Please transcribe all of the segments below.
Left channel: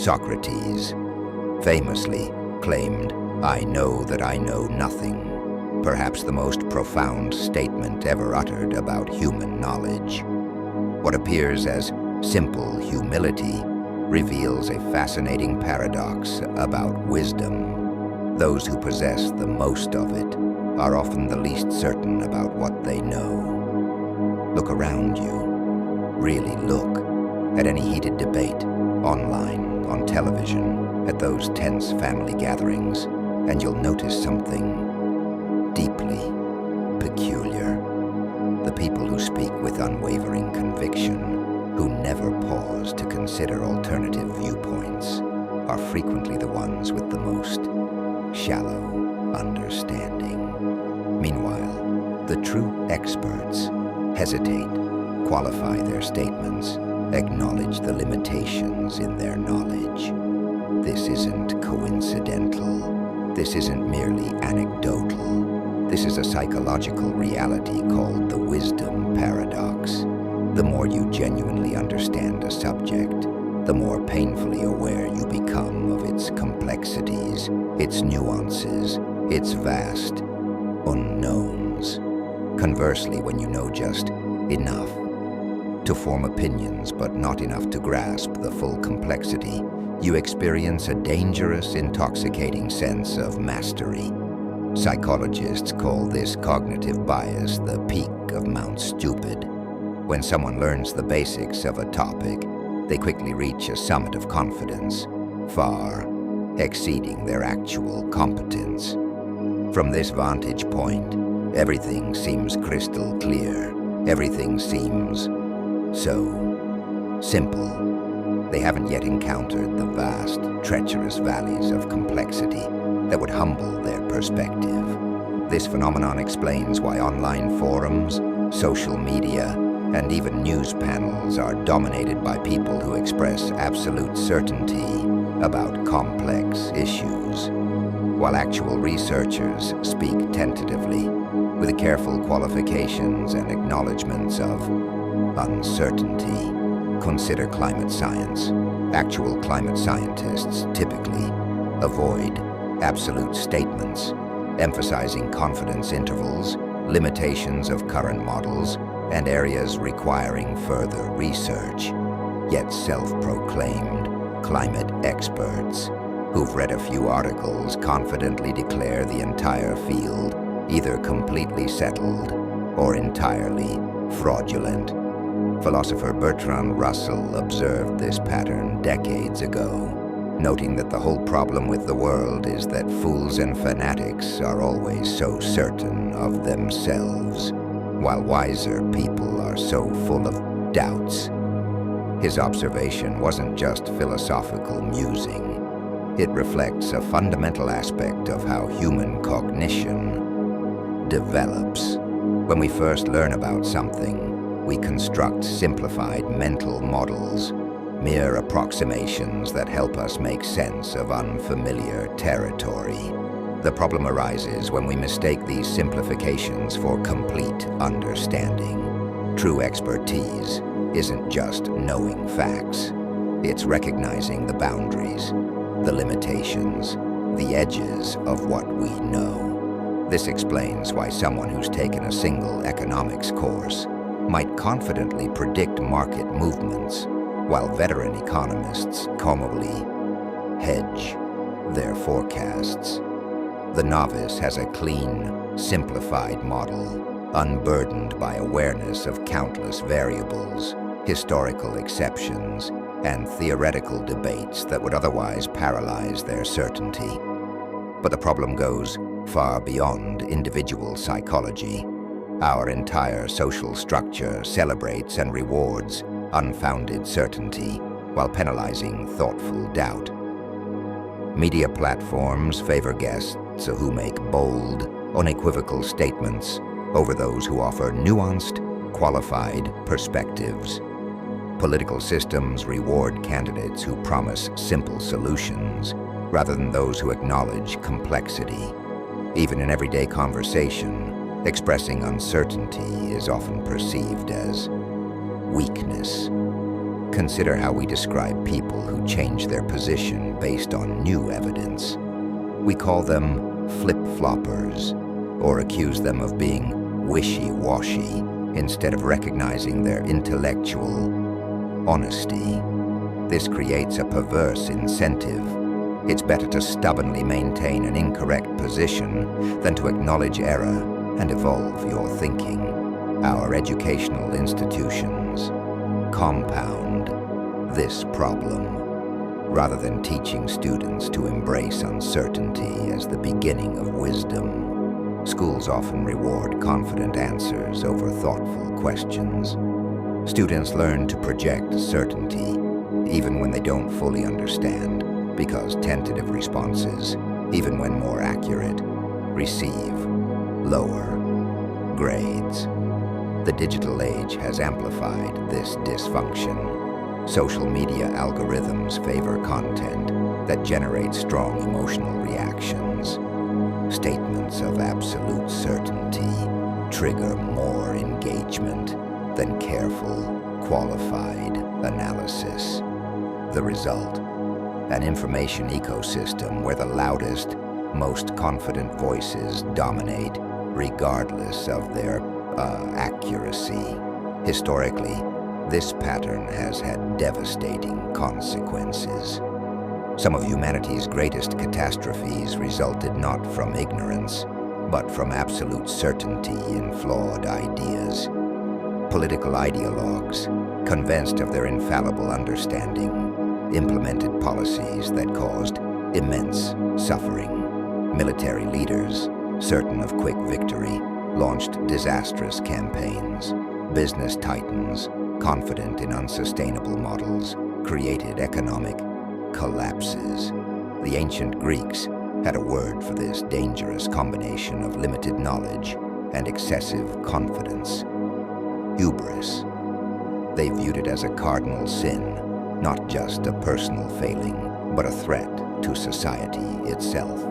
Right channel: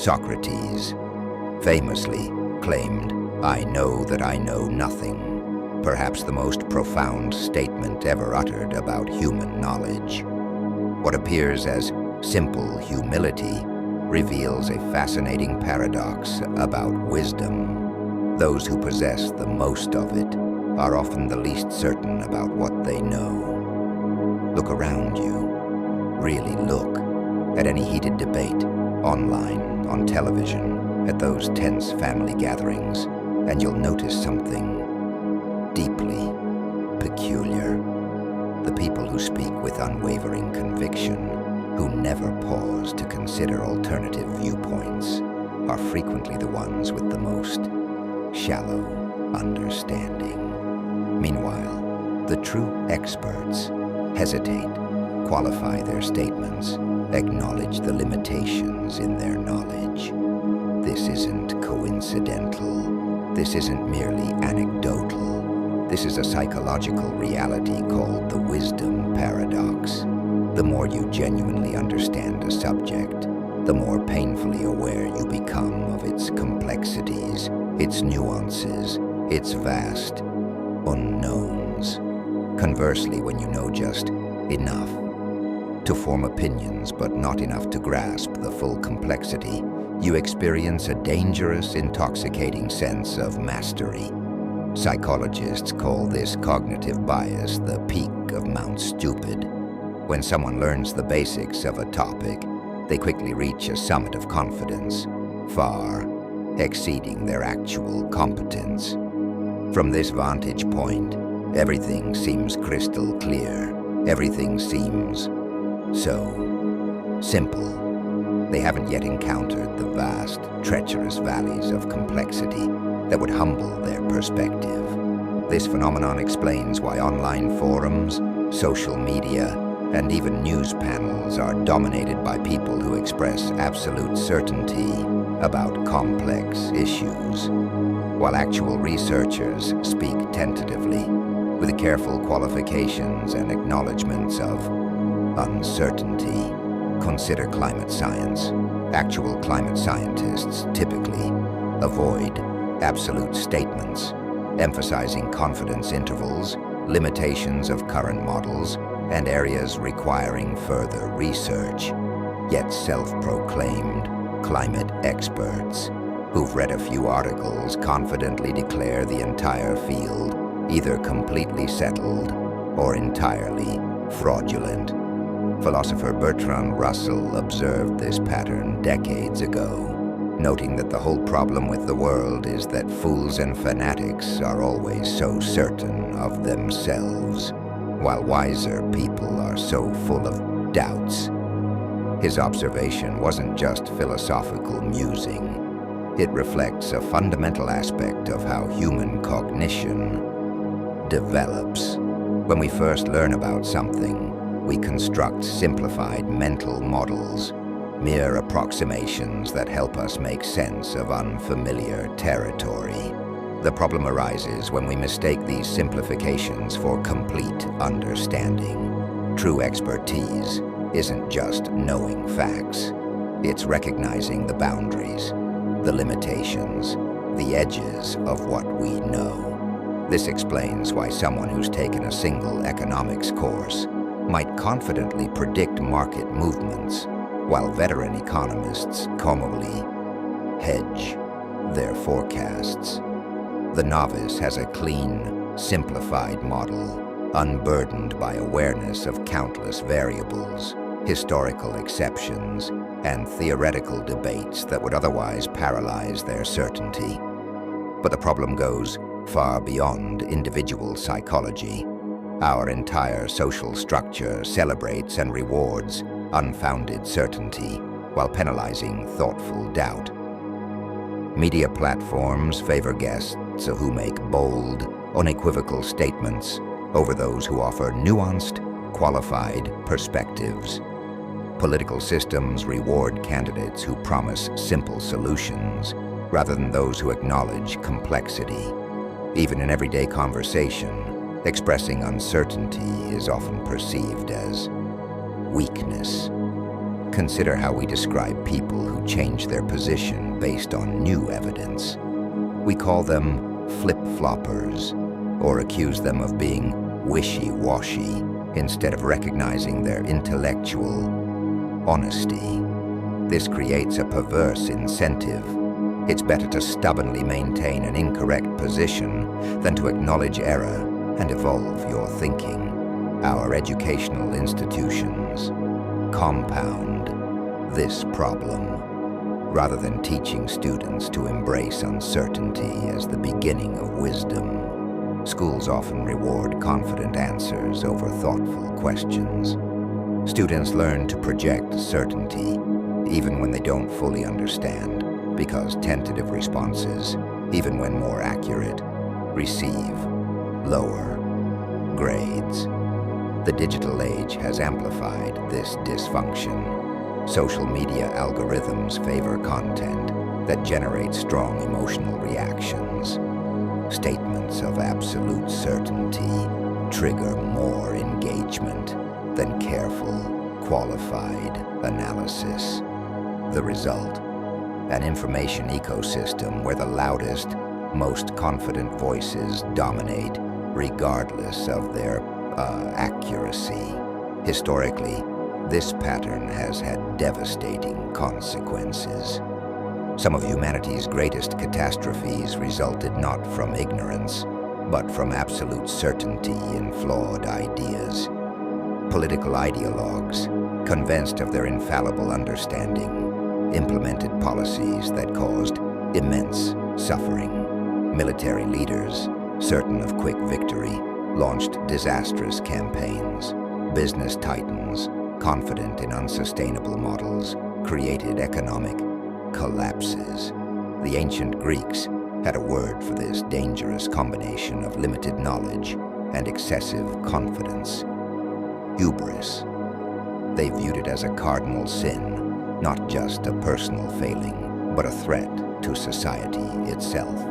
Socrates famously claimed, "I know that I know nothing," perhaps the most profound statement ever uttered about human knowledge. What appears as simple humility reveals a fascinating paradox about wisdom. Those who possess the most of it are often the least certain about what they know. Look around you. Really look at any heated debate, online, on television, at those tense family gatherings, and you'll notice something deeply peculiar. The people who speak with unwavering conviction, who never pause to consider alternative viewpoints, are frequently the ones with the most shallow understanding. Meanwhile, the true experts hesitate, qualify their statements, acknowledge the limitations in their knowledge. This isn't coincidental. This isn't merely anecdotal. This is a psychological reality called the wisdom paradox. The more you genuinely understand a subject, the more painfully aware you become of its complexities, its nuances, its vast unknowns. Conversely, when you know just enough to form opinions but not enough to grasp the full complexity, you experience a dangerous, intoxicating sense of mastery. Psychologists call this cognitive bias the peak of Mount Stupid. When someone learns the basics of a topic, they quickly reach a summit of confidence, far exceeding their actual competence. From this vantage point, everything seems crystal clear. Everything seems so simple. They haven't yet encountered the vast, treacherous valleys of complexity that would humble their perspective. This phenomenon explains why online forums, social media, and even news panels are dominated by people who express absolute certainty about complex issues, while actual researchers speak tentatively, with careful qualifications and acknowledgments of uncertainty. Consider climate science. Actual climate scientists typically avoid absolute statements, emphasizing confidence intervals, limitations of current models, and areas requiring further research. Yet self-proclaimed climate experts who've read a few articles confidently declare the entire field either completely settled or entirely fraudulent. Philosopher Bertrand Russell observed this pattern decades ago, noting that the whole problem with the world is that fools and fanatics are always so certain of themselves, while wiser people are so full of doubts. His observation wasn't just philosophical musing. It reflects a fundamental aspect of how human cognition develops. When we first learn about something, we construct simplified mental models, mere approximations that help us make sense of unfamiliar territory. The problem arises when we mistake these simplifications for complete understanding. True expertise isn't just knowing facts. It's recognizing the boundaries, the limitations, the edges of what we know. This explains why someone who's taken a single economics course might confidently predict market movements, while veteran economists calmly hedge their forecasts. The novice has a clean, simplified model, unburdened by awareness of countless variables, historical exceptions, and theoretical debates that would otherwise paralyze their certainty. But the problem goes far beyond individual psychology. Our entire social structure celebrates and rewards unfounded certainty while penalizing thoughtful doubt. Media platforms favor guests who make bold, unequivocal statements over those who offer nuanced, qualified perspectives. Political systems reward candidates who promise simple solutions rather than those who acknowledge complexity. Even in everyday conversation, expressing uncertainty is often perceived as weakness. Consider how we describe people who change their position based on new evidence. We call them flip-floppers, or accuse them of being wishy-washy instead of recognizing their intellectual honesty. This creates a perverse incentive. It's better to stubbornly maintain an incorrect position than to acknowledge error and evolve your thinking. Our educational institutions compound this problem. Rather than teaching students to embrace uncertainty as the beginning of wisdom, schools often reward confident answers over thoughtful questions. Students learn to project certainty even when they don't fully understand, because tentative responses, even when more accurate, receive lower grades. The digital age has amplified this dysfunction. Social media algorithms favor content that generates strong emotional reactions. Statements of absolute certainty trigger more engagement than careful, qualified analysis. The result: an information ecosystem where the loudest, most confident voices dominate, regardless of their accuracy. Historically, this pattern has had devastating consequences. Some of humanity's greatest catastrophes resulted not from ignorance, but from absolute certainty in flawed ideas. Political ideologues, convinced of their infallible understanding, implemented policies that caused immense suffering. Military leaders, certain of quick victory, launched disastrous campaigns. Business titans, confident in unsustainable models, created economic collapses. The ancient Greeks had a word for this dangerous combination of limited knowledge and excessive confidence: hubris. They viewed it as a cardinal sin, not just a personal failing, but a threat to society itself.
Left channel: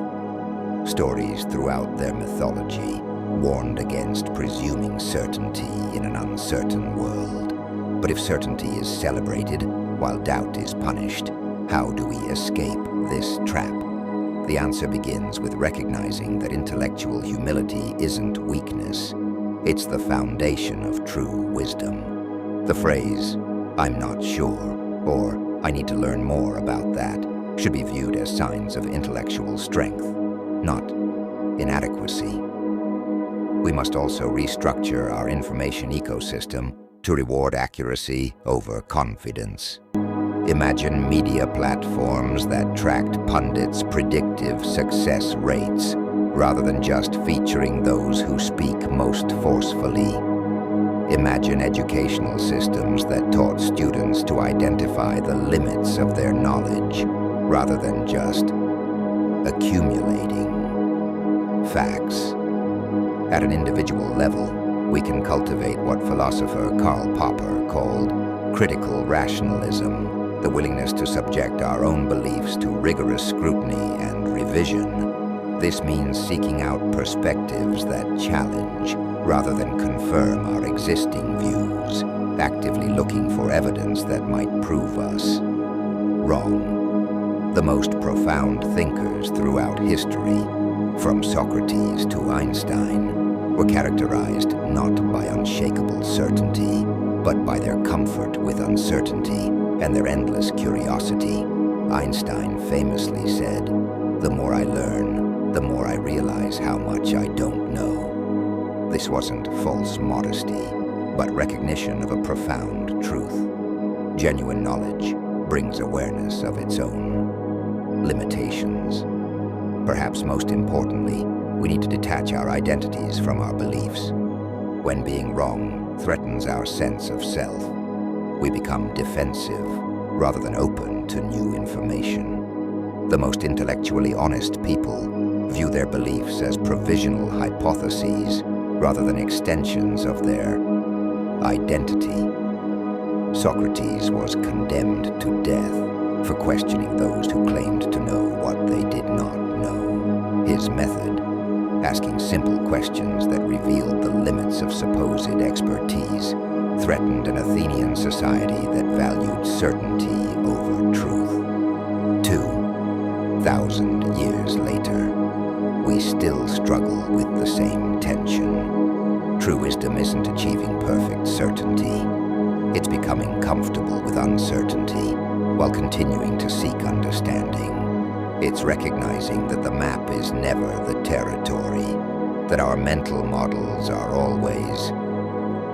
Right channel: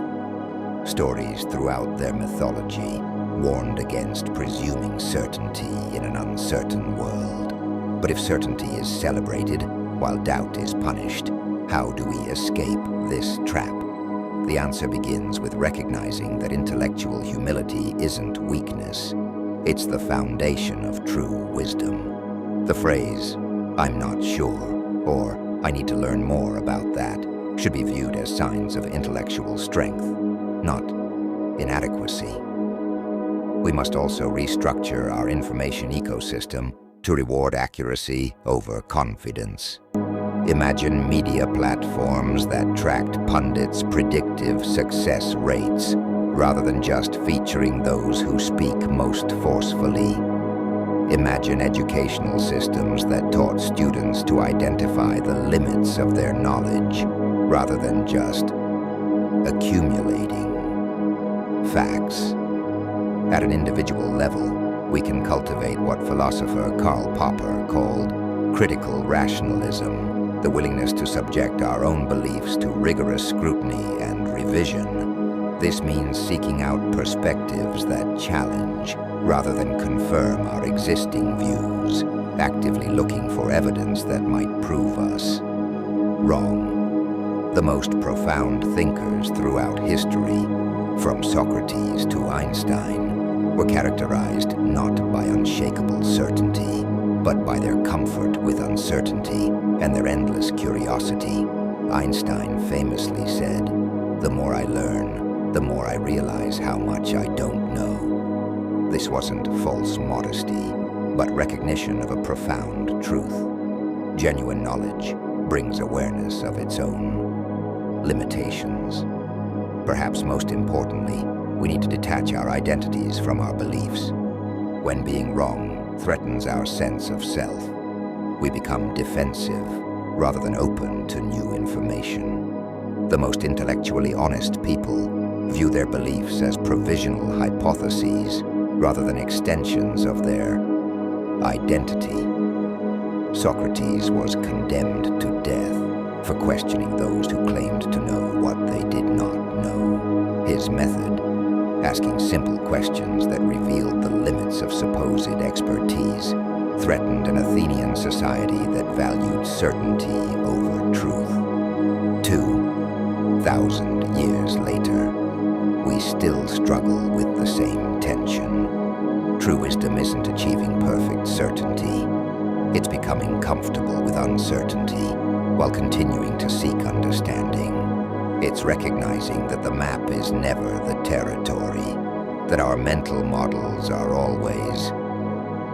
Stories throughout their mythology warned against presuming certainty in an uncertain world. But if certainty is celebrated while doubt is punished, how do we escape this trap? The answer begins with recognizing that intellectual humility isn't weakness. It's the foundation of true wisdom. The phrase, "I'm not sure," or "I need to learn more about that," should be viewed as signs of intellectual strength, not inadequacy. We must also restructure our information ecosystem to reward accuracy over confidence. Imagine media platforms that tracked pundits' predictive success rates, rather than just featuring those who speak most forcefully. Imagine educational systems that taught students to identify the limits of their knowledge, rather than just accumulating facts. At an individual level, we can cultivate what philosopher Karl Popper called critical rationalism, the willingness to subject our own beliefs to rigorous scrutiny and revision. This means seeking out perspectives that challenge rather than confirm our existing views, actively looking for evidence that might prove us wrong. The most profound thinkers throughout history, from Socrates to Einstein, were characterized not by unshakable certainty, but by their comfort with uncertainty and their endless curiosity. Einstein famously said, "The more I learn, the more I realize how much I don't know." This wasn't false modesty, but recognition of a profound truth. Genuine knowledge brings awareness of its own limitations. Perhaps most importantly, we need to detach our identities from our beliefs. When being wrong threatens our sense of self, we become defensive rather than open to new information. The most intellectually honest people view their beliefs as provisional hypotheses rather than extensions of their identity. Socrates was condemned to death for questioning those who claimed to know what they did not know. His method, asking simple questions that revealed the limits of supposed expertise, threatened an Athenian society that valued certainty over truth. 2,000 years later, we still struggle with the same tension. True wisdom isn't achieving perfect certainty. It's becoming comfortable with uncertainty while continuing to seek understanding. It's recognizing that the map is never the territory, that our mental models are always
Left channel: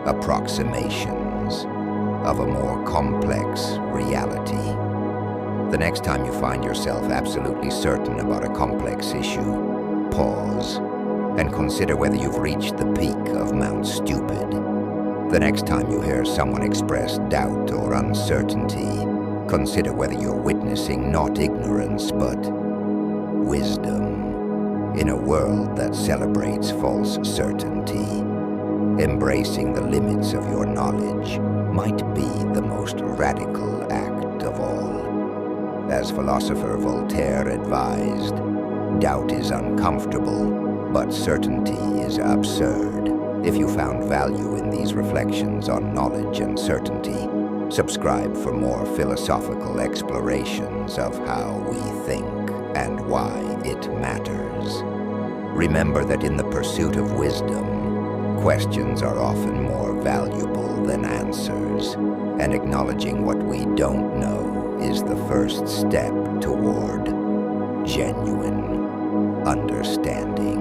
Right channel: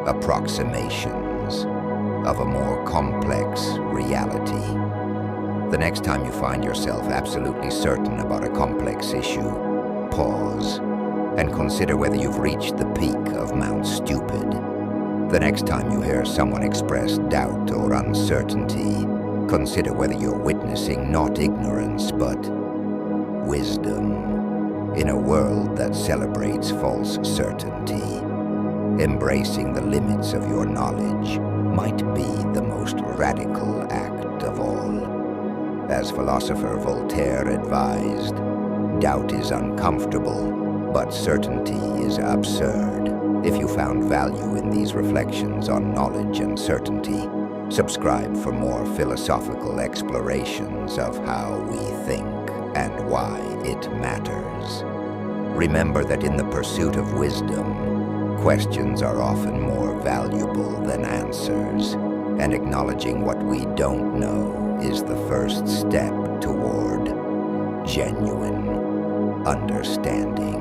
approximations of a more complex reality. The next time you find yourself absolutely certain about a complex issue, pause and consider whether you've reached the peak of Mount Stupid. The next time you hear someone express doubt or uncertainty, consider whether you're witnessing not ignorance, but wisdom. In a world that celebrates false certainty, embracing the limits of your knowledge might be the most radical act of all. As philosopher Voltaire advised, doubt is uncomfortable, but certainty is absurd. If you found value in these reflections on knowledge and certainty, subscribe for more philosophical explorations of how we think and why it matters. Remember that in the pursuit of wisdom, questions are often more valuable than answers, and acknowledging what we don't know is the first step toward genuine understanding.